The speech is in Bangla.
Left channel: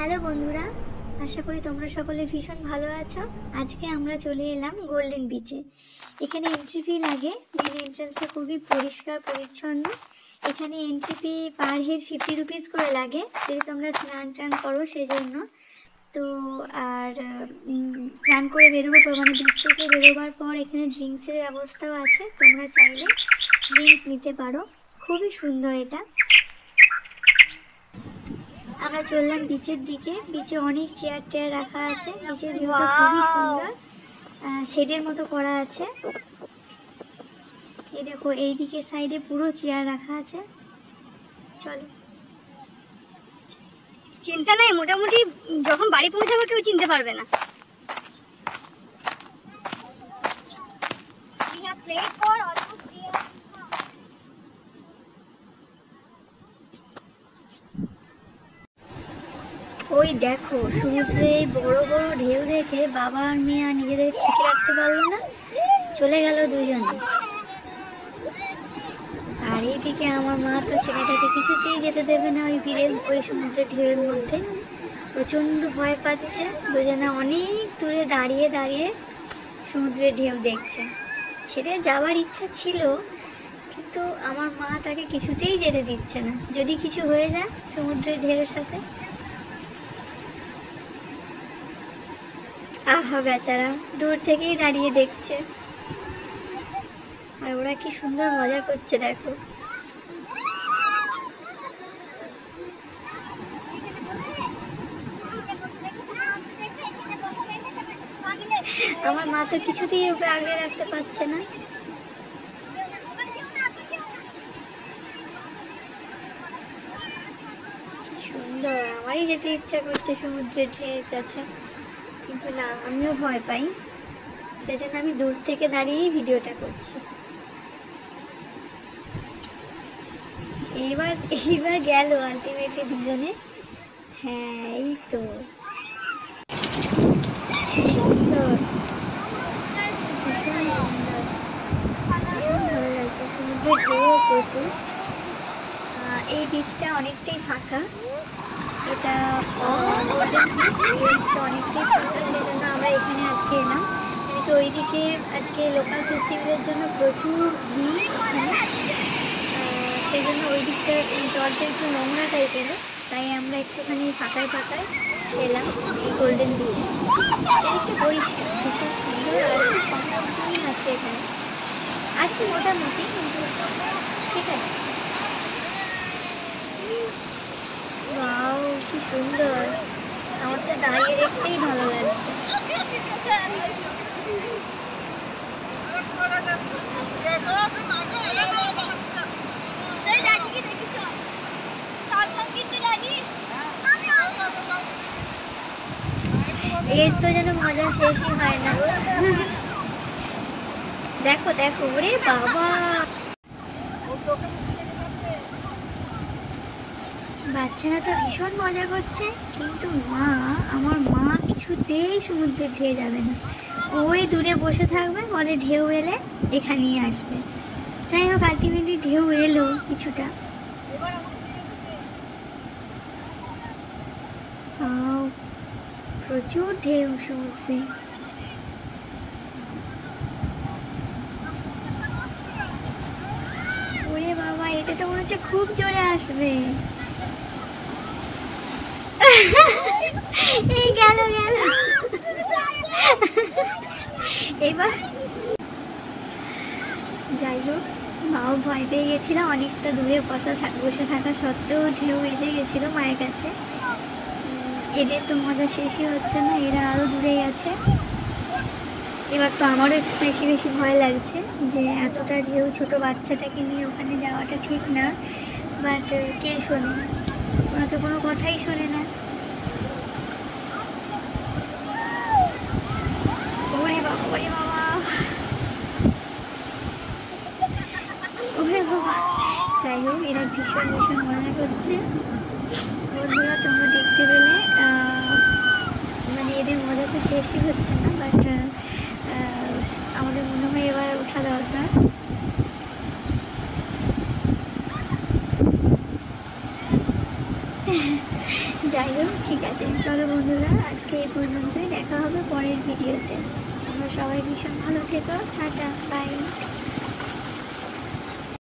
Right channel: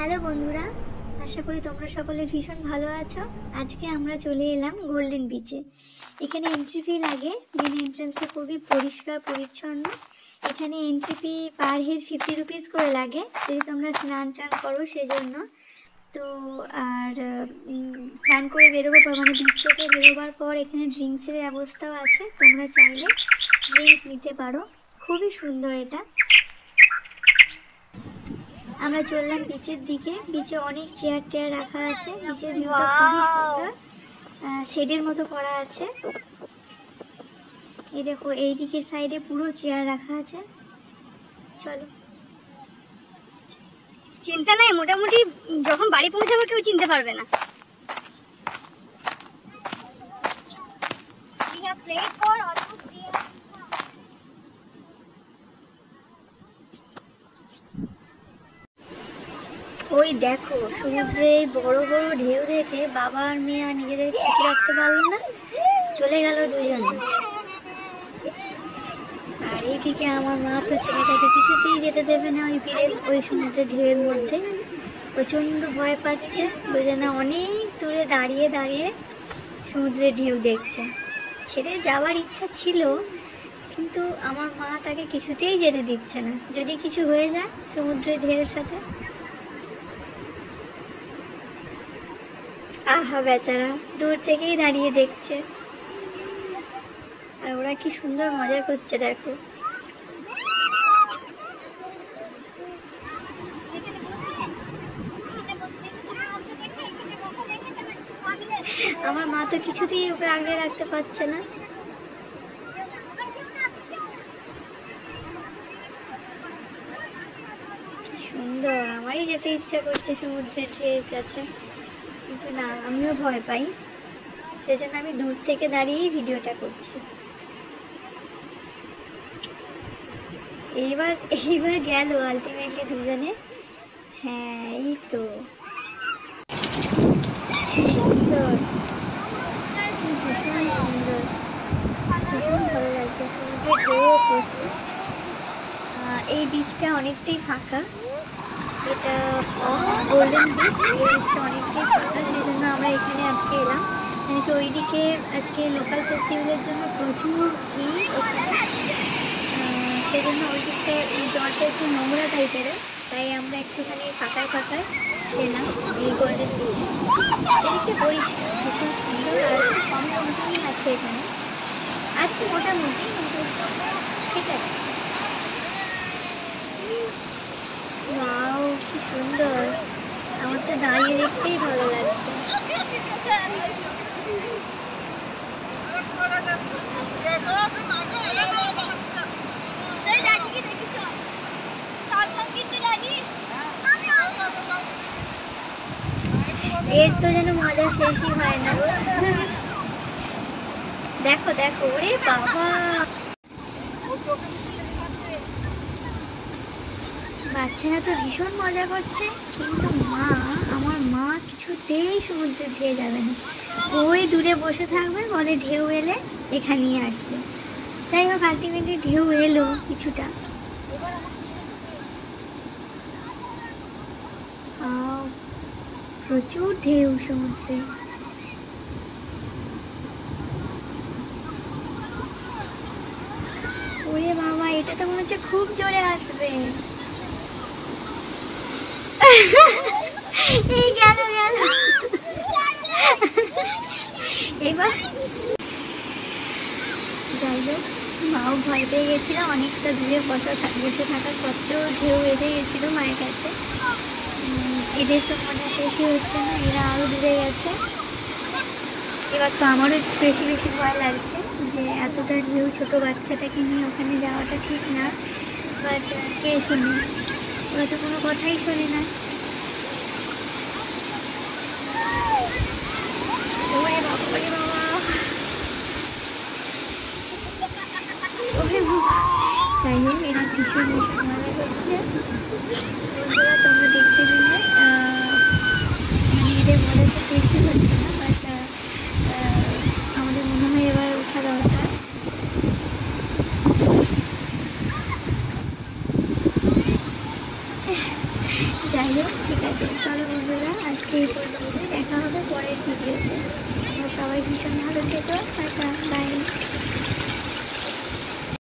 হ্যালো বন্ধুরা, আশা করি তোমরা সকলে ভীষণ ভালো আছো। আজকে আমরা চলে এলাম গোল্ডেন বিচে। এখানে এন্ট্রি ফি লাগে। মেন এন্ট্রান্সটা খুবই পরিষ্কার পরিচ্ছন্ন। এখানে entry fee per head 50 rupees করে লাগে, যদি তোমরা স্নান টান করো সেজন্য। তো আর স্নান করে বেরোবার পর মানে বিচ থেকে বেরোবার পর এখানে ড্রিঙ্কসের ব্যবস্থাও আছে, তোমরা চাইলে ড্রিঙ্কস নিতে পারো। খুবই সুন্দর এটা। আমরা চললাম বিচের দিকে। বিচে অনেক চেয়ার টেয়ার রাখা আছে। বিচের ভিউটা খুবই সুন্দর, শেডের মতো করা আছে। এই দেখো, এই দিকের সাইডে পুরো চেয়ার রাখা আছে। চলো, চিন্তা নাই, মোটামুটি যখন বাড়ি পৌঁছাবো কেউ চিনতে পারবে না। ওই দেখো, সমুদ্রে বড় বড় ঢেউ দেখে বাবা আর মেয়ে আর নিজেদের ঠিক রাখতে পারলো না, চলে গেল দুজনে। আর এইদিকে আমার মা তো ছেলেটাকে কিছুতেই যেতে দেবে না ওই ভিড়ের ওই সমুদ্রের ঢেউয়ের মধ্যে। প্রচণ্ড ভয় পাচ্ছে। দুজনে অনেক দূরে দাঁড়িয়ে দাঁড়িয়ে সমুদ্রের ঢেউ দেখছে। ছেড়ে যাওয়ার ইচ্ছা ছিল, কিন্তু আমার মা তাকে কিছুতেই যেতে দিচ্ছে না, যদি কিছু হয়ে যায় সমুদ্রের ঢেউয়ের সাথে। আহা বেচারা, দূর থেকেই দাঁড়িয়ে দেখছে। আর ওরা কি সুন্দর মজা করছে দেখো। আমার মা তো কিছুতেই ওকে আগলে রাখতে পারছে না। কি সুন্দর, আমারই যেতে ইচ্ছা করছে সমুদ্রের ঢেউয়ের কাছে, কিন্তু না, আমিও ভয় পাই। সেজন্য আমি দূর থেকে দাঁড়িয়েই ভিডিওটা করছি। এইবার গেল আলটিমেটলি দুজনে। হ্যাঁ, এই তো সুন্দর। এই বীজটা অনেকটাই ফাঁকা। এটা গোল্ডেন বিচ, বীজটা অনেকটাই ফাঁকা, সেজন্য আমরা এখানে আজকে এলাম। কিন্তু ওইদিকে আজকে লোকাল ফেস্টিভ্যালের জন্য প্রচুর ভিড়, সেজন্য ওই দিকটা এই চরটা একটু নোংরা টাইপের, তাই আমরা একটুখানি ফাঁকায় ফাঁকায় এলাম এই গোল্ডেন বিচে। চারিদিকটা পরিষ্কার, ভীষণ সুন্দর, দুজনই আছে এখানে। আছে মোটামুটি, কিন্তু ঠিক আছে। কি সুন্দর, আমার তো দাঁড়িয়ে দেখতেই ভালো লাগছে। এর তো যেন মজা শেষই হয় না। দেখো দেখো, ওরে বাবা, বাচ্চারা তো ভীষণ মজা করছে, কিন্তু আমার মা কিছুতেই সমুদ্রের ঢেউ যাবে না। ওই দূরে বসে থাকবে, বলে ঢেউ এলে এখানেই আসবে। যাই হোক, আলটিমেটলি ঢেউ এলো কিছুটা। প্রচুর ঢেউ সমুদ্রে। ওরে বাবা, এটা তো মনে হচ্ছে খুব জোরে আসবে। এই গেল গেল। এবার যাই হোক, মাও ভয় পেয়ে গেছিল, অনেকটা দূরে বসে থাকা সত্ত্বেও ঢেউ এসে গেছিল মায়ের কাছে। এদের তো মজা শেষই হচ্ছে না, এরা আরো দূরে গেছে। এবার তো আমারও একটু বেশি বেশি ভয় লাগছে যে এতটা ঢেউ ছোট বাচ্চাটাকে নিয়ে ওখানে যাওয়াটা ঠিক না। বাট কে শোনে, ওরা তো কোনো কথাই শোনে না। ওরে বাবা, ওরে বাবা, ওরে বাবা। যাই হোক, এরা ভীষণ ভীষণ মজা করছে। বন্ধুরা, তোমরা দেখতে পেলে মানে এদের মজাটা শেষই হচ্ছে না। বাট আমাদের মনে হয় এবার ওঠা দরকার। যাই হোক, ঠিক আছে। আছে। চলো বন্ধুরা, আজকে এই পর্যন্তই, দেখা হবে পরের ভিডিওতে। তোমরা সবাই ভীষণ ভালো থেকো, টাটা।